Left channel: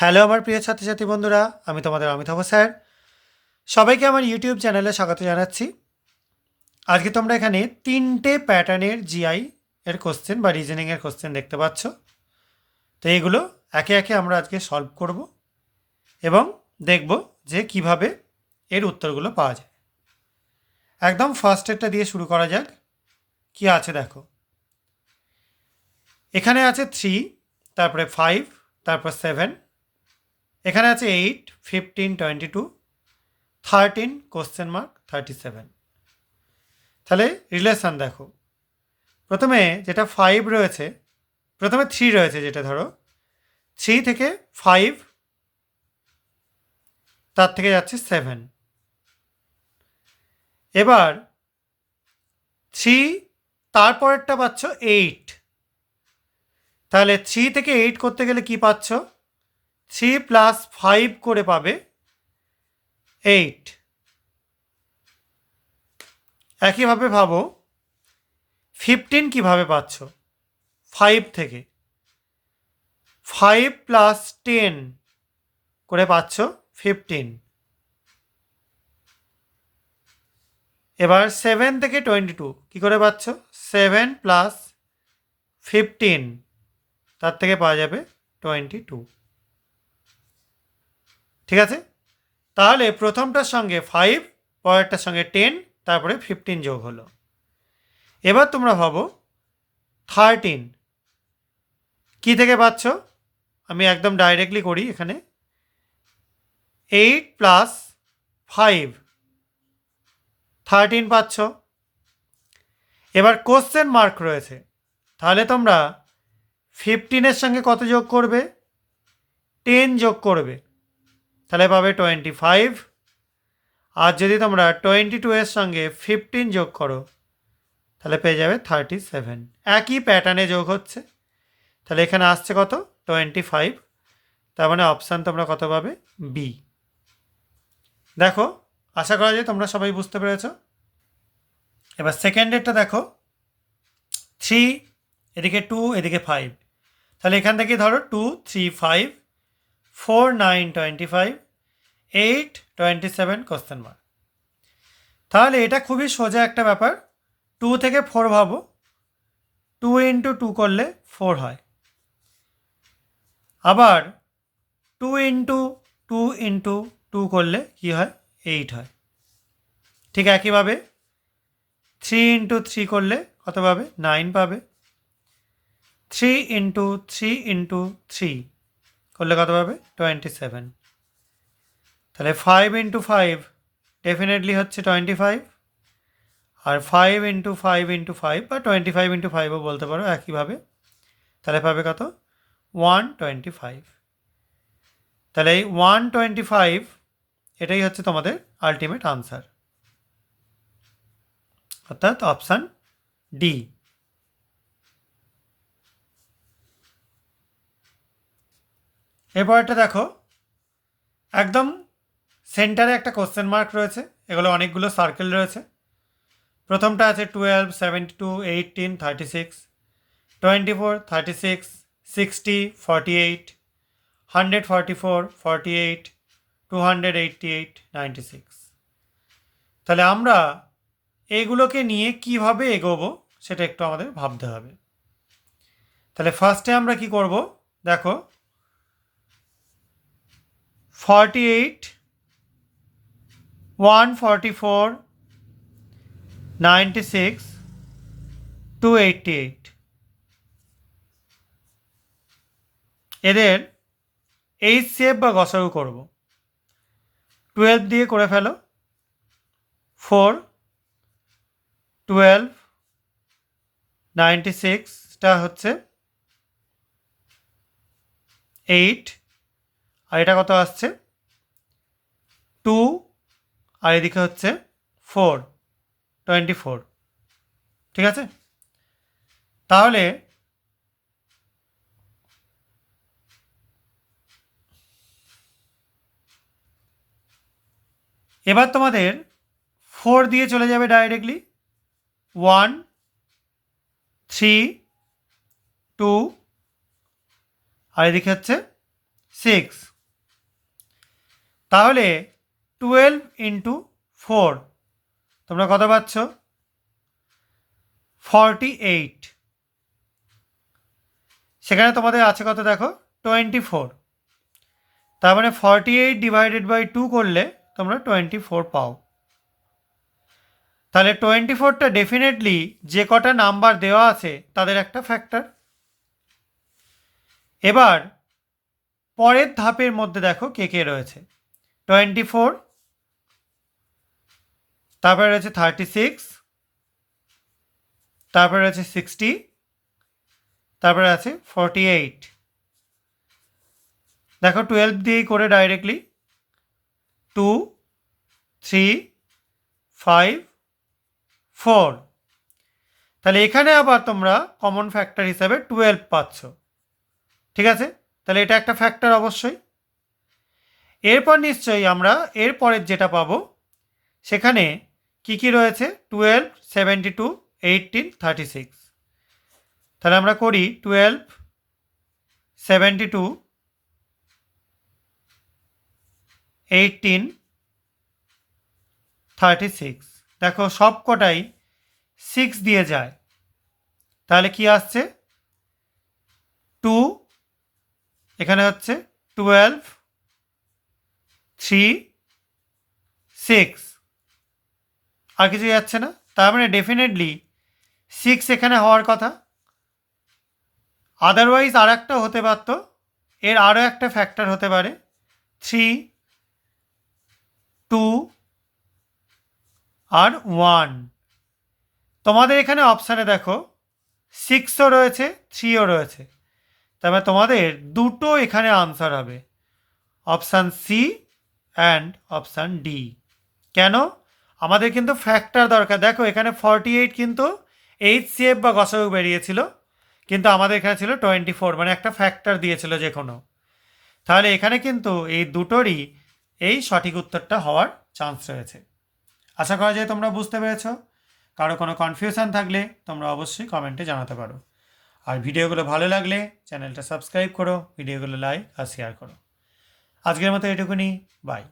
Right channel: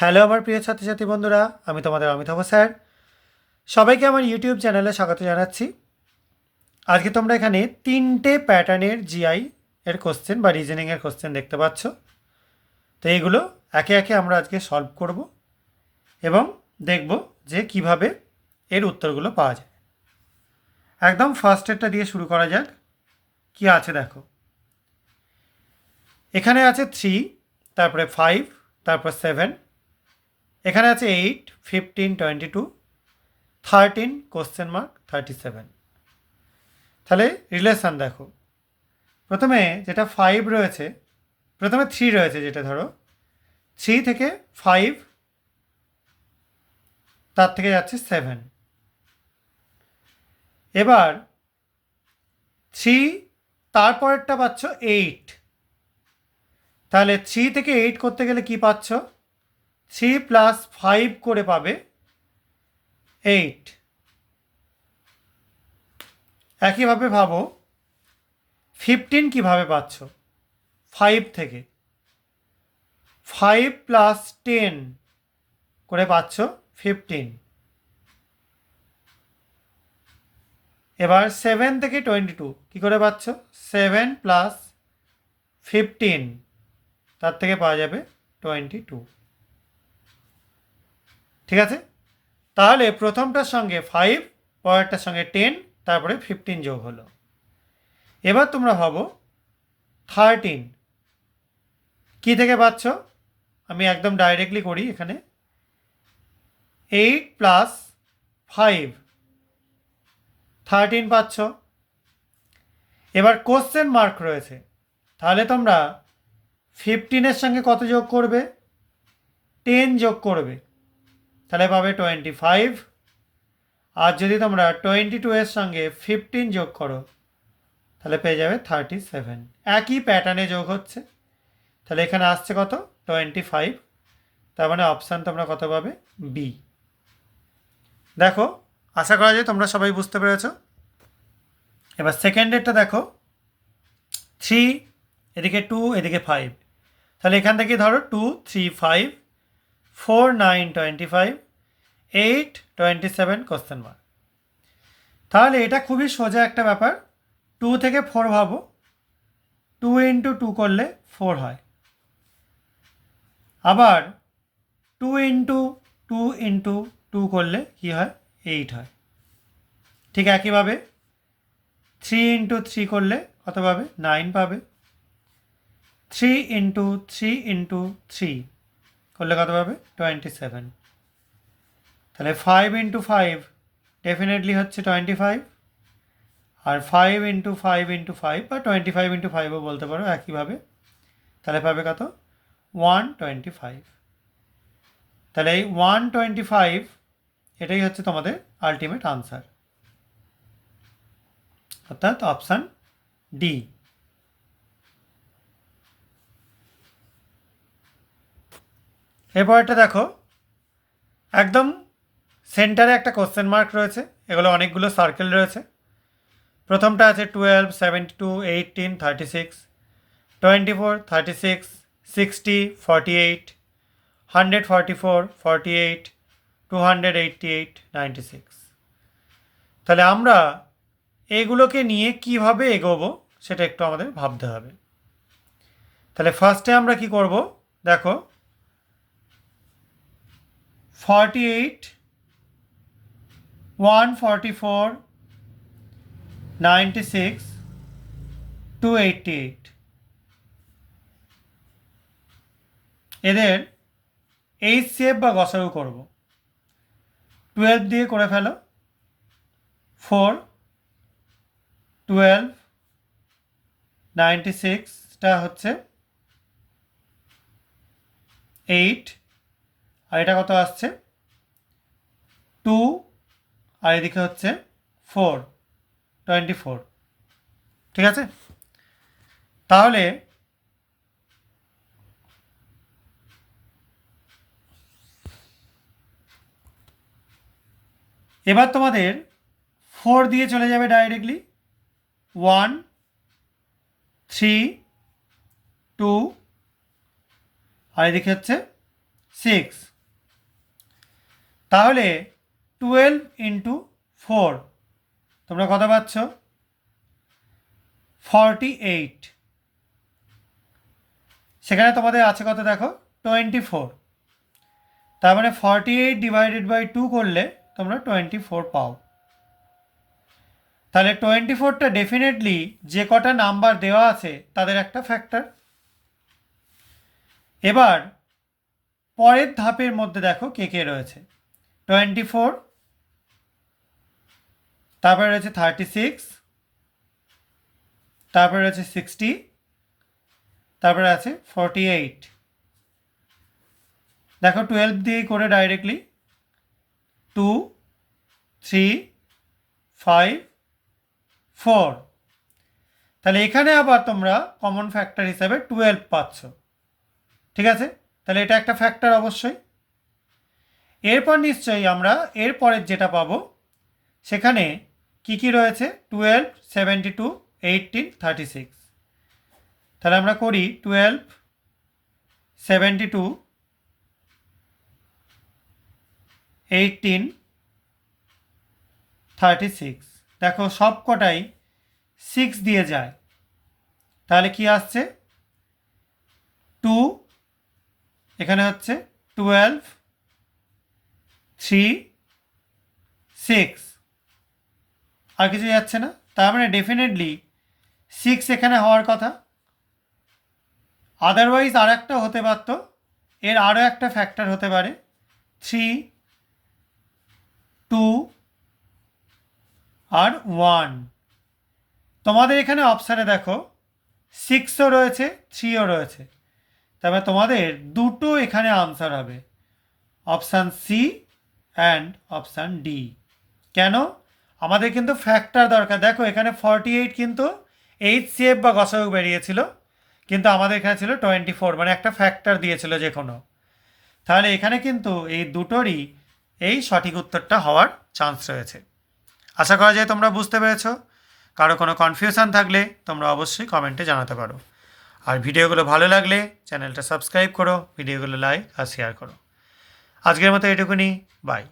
Hello আমার প্রিয় ছাত্রছাত্রী বন্ধুরা, আমি তোমাদের অমিতাভ স্যার। সবাইকে আমার ইউটিউব চ্যানেলে স্বাগত জানাচ্ছি। আজকে তোমরা এখানে 3টে প্যাটার্নের জিআই এর কোশ্চেন বা রিজনিংয়ের কোশ্চেন দেখতে পাচ্ছ। তো এইগুলো একে একে আমরা আজকে সলভ করব এবং দেখব যে কিভাবে এর উত্তরগুলো পাওয়া যায়। একদম ফার্স্টেরটা দিয়ে শুরু করা যাক। কি আছে দেখো, এখানে আছে 3, তারপরে 5, তারপর 7, এখানে আছে 8, 15, 22, 13 কোশ্চেন মার্ক 37। তাহলে রিলেশান দেখো, প্রথমে যেটা 5 রয়েছে, প্রথমে 3 রয়েছে, যেটা ধরো 3 থেকে 5, তার থেকে যাচ্ছে 7। এবার 3, তারপরেরটা পাচ্ছ 8। তাহলে 3 থেকে 8 করতে গেলে কি পাচ্ছ, 3 প্লাস 5 করে পাবে 8। একইভাবে ভাবো 15 কিভাবে পাচ্ছ, 5 থেকে 5 প্লাস 10 করে পাচ্ছ 15। এবার 7 থেকে 22 কী করে পাচ্ছ, 7 প্লাস 15, তার থেকে পাওয়া যাবে 22। ঠিক আছে, তাহলে প্রথমটার সঙ্গে 5, পরেরটার সঙ্গে 10, তারপরে 15 যোগ হলো। এবার তোমরা ভাবো 13 কী থেকে পাচ্ছ, আমি একদম ডাইরেক্টলি করি এখানে, 8 প্লাস 5, 13 পাচ্ছ। এবার কোশ্চেন মার্ক রয়েছে, তাহলে তোমরা 15-এর সঙ্গে কত যোগ করবে, 10 যোগ করবে, তাহলে পাবে 25। আর যদি তোমরা 22-এর সঙ্গে 15 যোগ করো, তাহলে পেয়ে যাবে 37। একই প্যাটার্নে যোগ হচ্ছে, তাহলে এখানে আসছে কত, 25। তার মানে অপশান তোমরা কত পাবে, বি। দেখো, আশা করা যায় তোমরা সবাই বুঝতে পেরেছ। এবার সেকেন্ডেরটা দেখো, 3, এদিকে 2, এদিকে 5, তাহলে এখান থেকে ধরো 2, 3, 5, 4, 9, 25, 8, 27 কোশ্চেন মার্ক। তাহলে এটা খুবই সোজা একটা ব্যাপার। 2 থেকে 4 ভাবো, 2 ইন্টু 2 করলে 4 হয়। আবার 2 ইন্টু 2 ইন্টু 2 করলে কী হয়, 8 হয়। ঠিক একইভাবে 3 ইন্টু 3 করলে কত পাবে, 9 পাবে। 3 ইন্টু 3 ইন্টু 3 করলে কত পাবে, 27। তাহলে 5 ইন্টু 5 ডেফিনেটলি হচ্ছে 25। আর 5 ইন্টু 5 ইন্টু 5 বা 25 ইন্টু 5ও বলতে পারো একইভাবে, তাহলে পাবে কত, 125। তাহলে এই 125 এটাই হচ্ছে তোমাদের আলটিমেট আনসার, অর্থাৎ অপশান ডি। এরপরটা দেখো, একদম সেন্টারে একটা কোশ্চেন মার্ক রয়েছে, এগুলো অনেকগুলো সার্কেল রয়েছে। প্রথমটা আছে 12, 72, 18, 36, 24, 36, 60, 48, 144, 48, 288, 96। তাহলে আমরা এগুলোকে নিয়ে কিভাবে এগোবো সেটা একটু আমাদের ভাবতে হবে। তাহলে ফার্স্টে আমরা কি করব, দেখো 48, 144, 96, 288, এদের এইচসিএফ বা গসাগু করব। 12 দিয়ে করে ফেলো, 4, 12, 96টা হচ্ছে 8, আর এটা কত আসছে 2, আর এদিকে হচ্ছে 4, 24। ঠিক আছে, তাহলে এবার তোমাদের 4 দিয়ে চলে যাবে ডাইরেক্টলি, 1, 3, 2, আর এদিকে হচ্ছে 6, তাহলে 12 ইন্টু 4 তোমরা কত পাচ্ছ? 48। সেখানে তোমাদের আছে কত দেখো? 24। তার মানে 48 ডিভাইডেড বাই 2 করলে তোমরা 24 পাও। তাহলে 24টা ডেফিনেটলি যে কটা নাম্বার দেওয়া আছে তাদের একটা ফ্যাক্টর। এবার পরের ধাপের মধ্যে দেখো কে কে রয়েছে। 24, তারপরে রয়েছে 36, তারপরে রয়েছে 60, তারপরে আছে 48। দেখো 12 দিয়েই করে ডাইরেক্টলি 2, 3, 5, 4। তাহলে এখানে আবার তোমরা কমন ফ্যাক্টর হিসাবে 12 পাচ্ছ। ঠিক আছে, তাহলে এটা একটা ফ্যাক্টর অবশ্যই। এরপর নিশ্চয়ই আমরা এরপরের যেটা পাবো সেখানে কি কি রয়েছে? 12, 72, 18, 36। তাহলে আমরা করি 12, 72, 18, 36। দেখো সব কটাই 6 দিয়ে যায়। তাহলে কি আসছে? 2, এখানে হচ্ছে 12, 3, 6, আর কিছু যাচ্ছে না। তার মানে ডেফিনেটলি 6 এখানে হওয়ার কথা। আদারওয়াইজ আর একটা হতে পারত, এর আরও একটা ফ্যাক্টর হতে পারে 3, 2 আর 1। তোমাদের এখানে অপশানে দেখো 6ও রয়েছে, 3ও রয়েছে। তবে তোমাদের দুটো এখানে আনসার হবে, option C and option D. কেন? আমাদের কিন্তু ফ্যাক্টর দরকার। দেখো এখানে 48 কিন্তু HCF বা গসাগু বেরিয়েছিল, কিন্তু আমাদের এখানে ছিল 24, মানে একটা ফ্যাক্টর দিয়েছিল যে কোনো। তাহলে এখানে কিন্তু এই দুটোরই এই সঠিক উত্তরটা হওয়ার চান্স রয়েছে। আশা করা যায় তোমরা বুঝতে পেরেছ। কারো কোনো কনফিউশন থাকলে তোমরা অবশ্যই কমেন্টে জানাতে পারো। আর ভিডিওগুলো ভালো লাগলে চ্যানেলটা সাবস্ক্রাইব করো, ভিডিওগুলো লাইক আর শেয়ার করো। আজকের মতো এটুকুনি, বাই।